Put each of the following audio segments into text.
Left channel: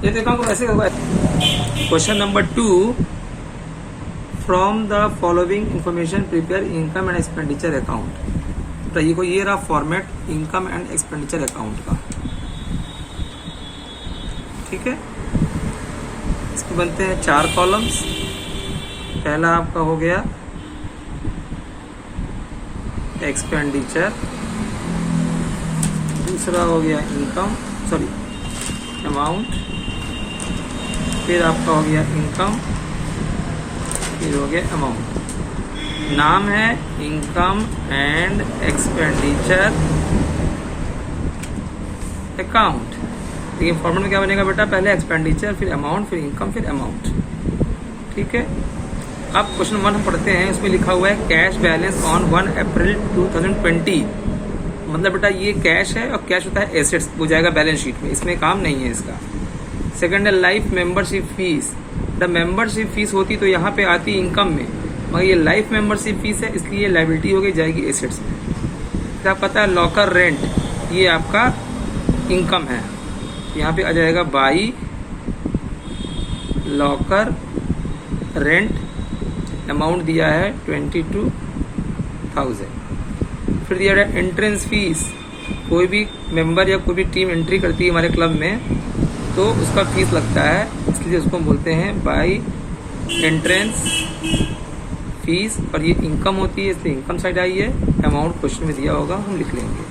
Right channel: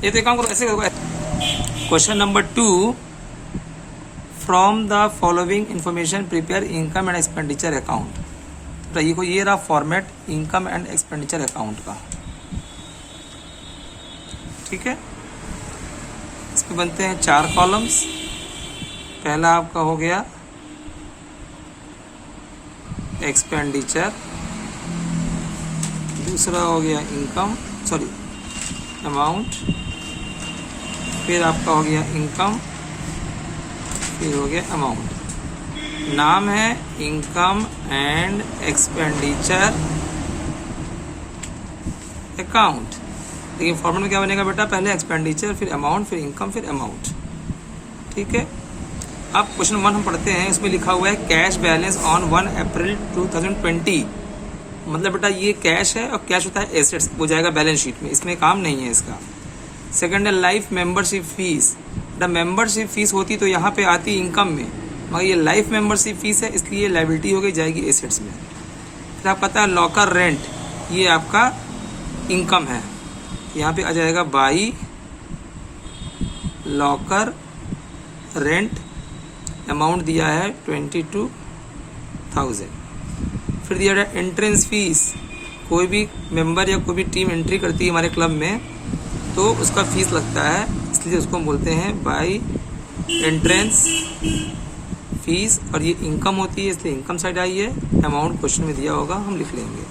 ये तो काम ऐसे होगा। Question number 2, from the following information prepare income and expenditure account. तो ये रहा format income and expenditure account का, ठीक है। इसके बनते हैं 4 कॉलम्स। पहला आपका हो गया एक्सपेंडिचर, दूसरा हो गया अमाउंट, फिर आपका हो गया इनकम, फिर हो गया अमाउंट। नाम है इनकम एंड एक्सपेंडिचर अकाउंट। लेकिन फॉर्मूला में क्या बनेगा बेटा, पहले एक्सपेंडिचर, फिर अमाउंट, फिर इनकम, फिर अमाउंट, ठीक है। अब क्वेश्चन 1 हम पढ़ते हैं। उसमें लिखा हुआ है कैश बैलेंस ऑन 1 अप्रैल 2020। मतलब बेटा ये कैश है, और कैश होता है एसेट्स, वो जाएगा बैलेंस शीट में, इसमें काम नहीं है इसका। सेकंड है life membership fees. The membership fees होती तो यहाँ पे आती इनकम में, मगर ये लाइफ मेंबरशिप फीस है, इसलिए लायबिलिटी हो गई, जाएगी एसेट्स में। फिर आपका आता है लॉकर रेंट, ये आपका इनकम है, यहाँ पे आ जाएगा बाई लॉकर रेंट। अमाउंट दिया है 22,000। फिर दिया है एंट्रेंस फीस। कोई भी मेंबर या कोई भी टीम एंट्री करती है हमारे क्लब में तो उसका फीस लगता है, इसलिए उसको बोलते हैं बाई एंट्रेंस फीस, और ये इनकम होती है इसलिए इनकम साइड आई है। अमाउंट क्वेश्चन में दिया होगा, हम लिख लेंगे।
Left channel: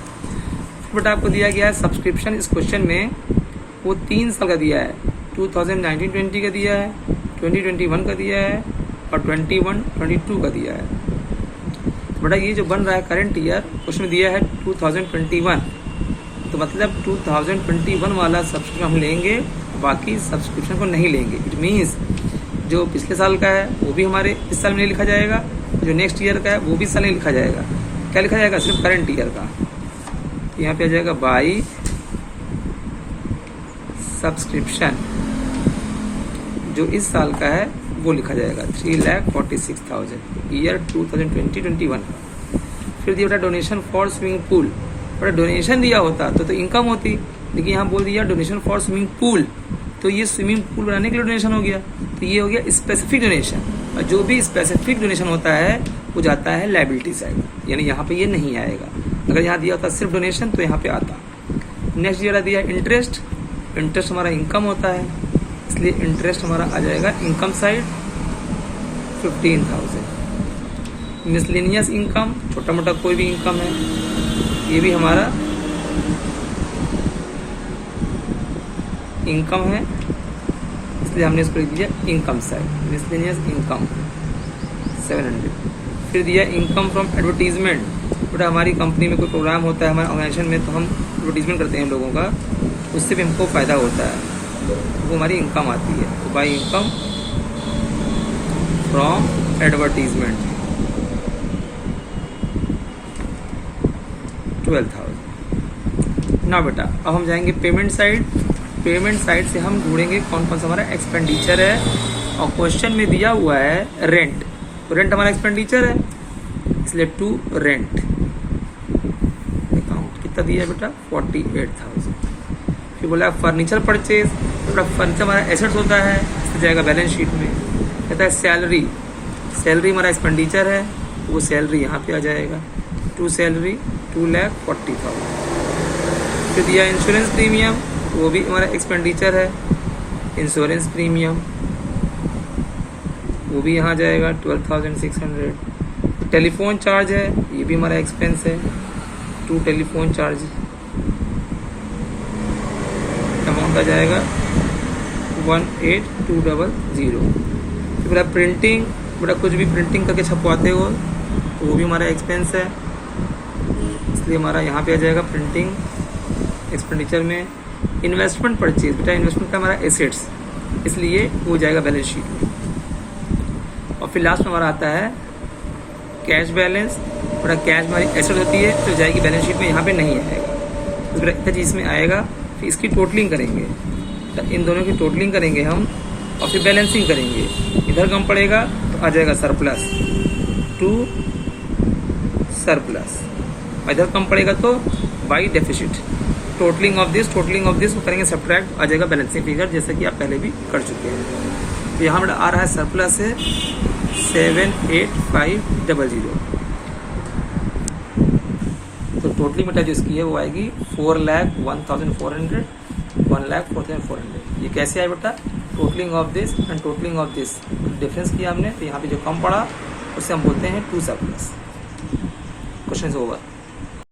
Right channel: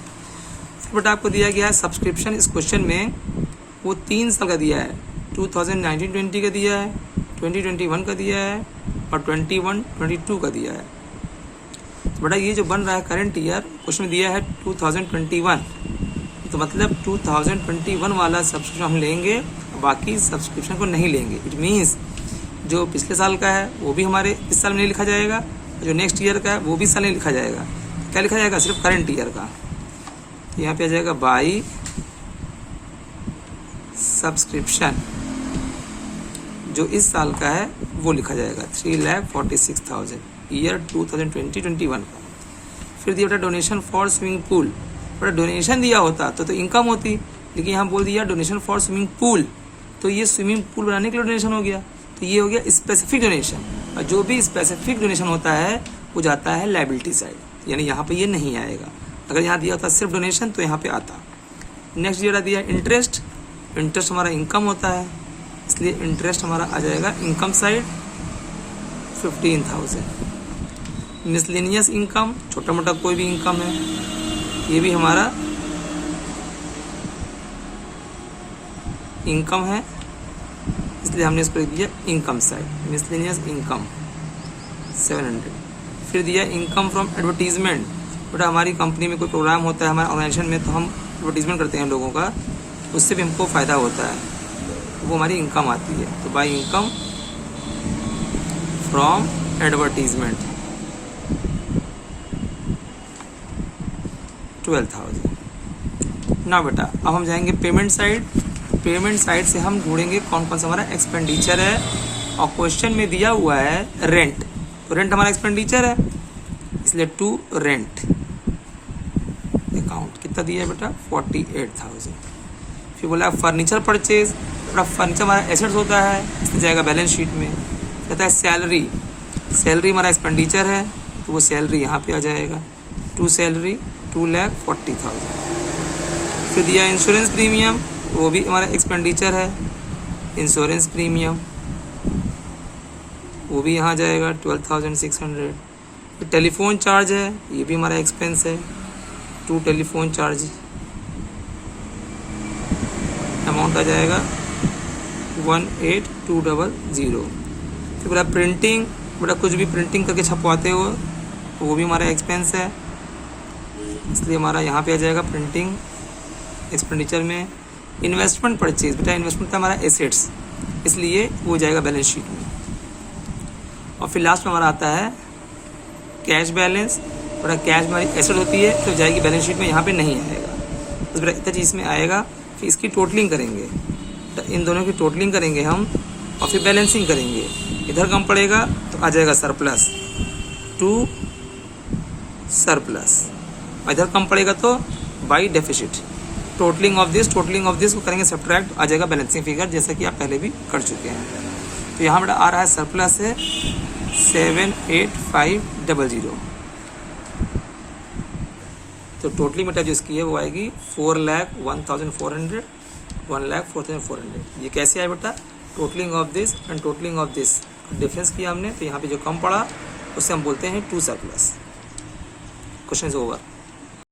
फिर बेटा आपको दिया गया है सब्सक्रिप्शन। इस क्वेश्चन में वो 3 साल का दिया है, 2019-20 का दिया है, 2021 का दिया है, और 21-22 का दिया है। तो बेटा ये जो बन रहा है करंट ईयर, उसमें दिया है 2021, तो मतलब 2021 वाला सब्सक्रिप्शन हम लेंगे, बाकी सब्सक्रिप्शन को नहीं लेंगे। इट मीन्स जो पिछले साल का है वो भी हमारे इस साल में नहीं लिखा जाएगा, जो नेक्स्ट ईयर का है वो भी इस साल नहीं लिखा जाएगा। क्या लिखा जाएगा, सिर्फ करंट ईयर का। तो यहाँ पे आ जाएगा बाई सब्सक्रिप्शन, जो इस साल का है वो लिखा जाएगा 3,46,000 ईयर 2020-21। फिर दिया बेटा डोनेशन फॉर स्विमिंग पूल। बेटा डोनेशन दिया होता तो इनकम होती, लेकिन यहाँ बोल दिया डोनेशन फॉर स्विमिंग पूल, तो ये स्विमिंग पूल बनाने के लिए डोनेशन हो गया, तो ये हो गया स्पेसिफिक डोनेशन। और जो भी स्पेसिफिक डोनेशन होता है वो जाता है लायबिलिटी साइड, यानी यहाँ पे ये नहीं आएगा। अगर यहाँ दिया होता सिर्फ डोनेशन तो यहाँ पे आता। नेक्स्ट जरा दिया इंटरेस्ट। इंटरेस्ट हमारा इनकम होता है, इसलिए इंटरेस्ट हमारा आ जाएगा इनकम साइड 15,000। मिसलेनियस इनकम, छोटा मोटा कोई भी इनकम है, ये भी हमारा इनकम है, इसलिए हमने इसको लिख दिया इनकम साइड। Miscellaneous income 700। फिर दिया इनकम फ्रॉम एडवर्टीजमेंट। बेटा हमारी कंपनी में कोई प्रोग्राम होता है, हमारे ऑर्गेनाइजेशन में, तो हम एडवर्टीजमेंट करते हैं लोगों का, उससे भी हमको फ़ायदा होता है, वो हमारी इनकम आती है। तो बाई इनकम फ्रॉम एडवर्टीजमेंट 12,000। ना बेटा अब हम जाएंगे पेमेंट साइड। पेमेंट साइड से हम ढूंढेंगे कौन कौन सा हमारा एक्सपेंडिचर है, और क्वेश्चन में दिया हुआ है रेंट, तो रेंट हमारा एक्सपेंडिचर है, इसलिए टू रेंट अकाउंट कितना दिया है बेटा 48,000। फिर बोला फर्नीचर परचेज। बेटा फर्नीचर हमारा एसेट्स होता है, इसलिए जाएगा बैलेंस शीट में। कहता है सैलरी, सैलरी हमारा एक्सपेंडिचर है, तो वो सैलरी यहाँ पे आ जाएगा, टू सैलरी 2,40,000। फिर दिया इंश्योरेंस प्रीमियम, वो भी हमारा एक्सपेंडिचर है, इंश्योरेंस प्रीमियम वो भी यहाँ जाएगा 12,600। टेलीफोन चार्ज है, ये भी हमारा एक्सपेंस है, 2 टेलीफोन चार्ज, अमाउंट आ जाएगा 18,200। फिर बेटा प्रिंटिंग, बेटा कुछ भी प्रिंटिंग करके छपवाते हो वो भी हमारा एक्सपेंस है, इसलिए हमारा यहाँ पे आ जाएगा प्रिंटिंग एक्सपेंडिचर में। इन्वेस्टमेंट परचेज, बेटा इन्वेस्टमेंट का हमारा एसेट्स, इसलिए वो जाएगा बैलेंस शीट में। और फिर लास्ट में हमारा आता है कैश बैलेंस। बेटा कैश हमारी एसेट होती है तो जाएगी बैलेंस शीट में, यहाँ पे नहीं आएगा। तो बेटा इतना चीज़ में आएगा, फिर इसकी टोटलिंग करेंगे, तो इन दोनों की टोटलिंग करेंगे हम, और फिर बैलेंसिंग करेंगे। इधर कम पड़ेगा तो आ जाएगा सरप्लस, टू सरप्लस, और इधर कम पड़ेगा तो by deficit, totalling of this को करेंगे सब्ट्रैक्ट, आ जाएगा बैलेंसिंग फिगर, जैसे कि आप पहले भी कर चुके हैं। तो यहाँ बेटा आ रहा है सरप्लस है 78500। तो टोटली बेटा जो इसकी है वो आएगी 4,01,400, 1,04,400। ये कैसे आया बेटा? Totalling of this and totalling of this difference किया हमने, तो यहाँ पे जो कम पड़ा उससे हम बोलते हैं टू सरप्लस। क्वेश्चन होगा।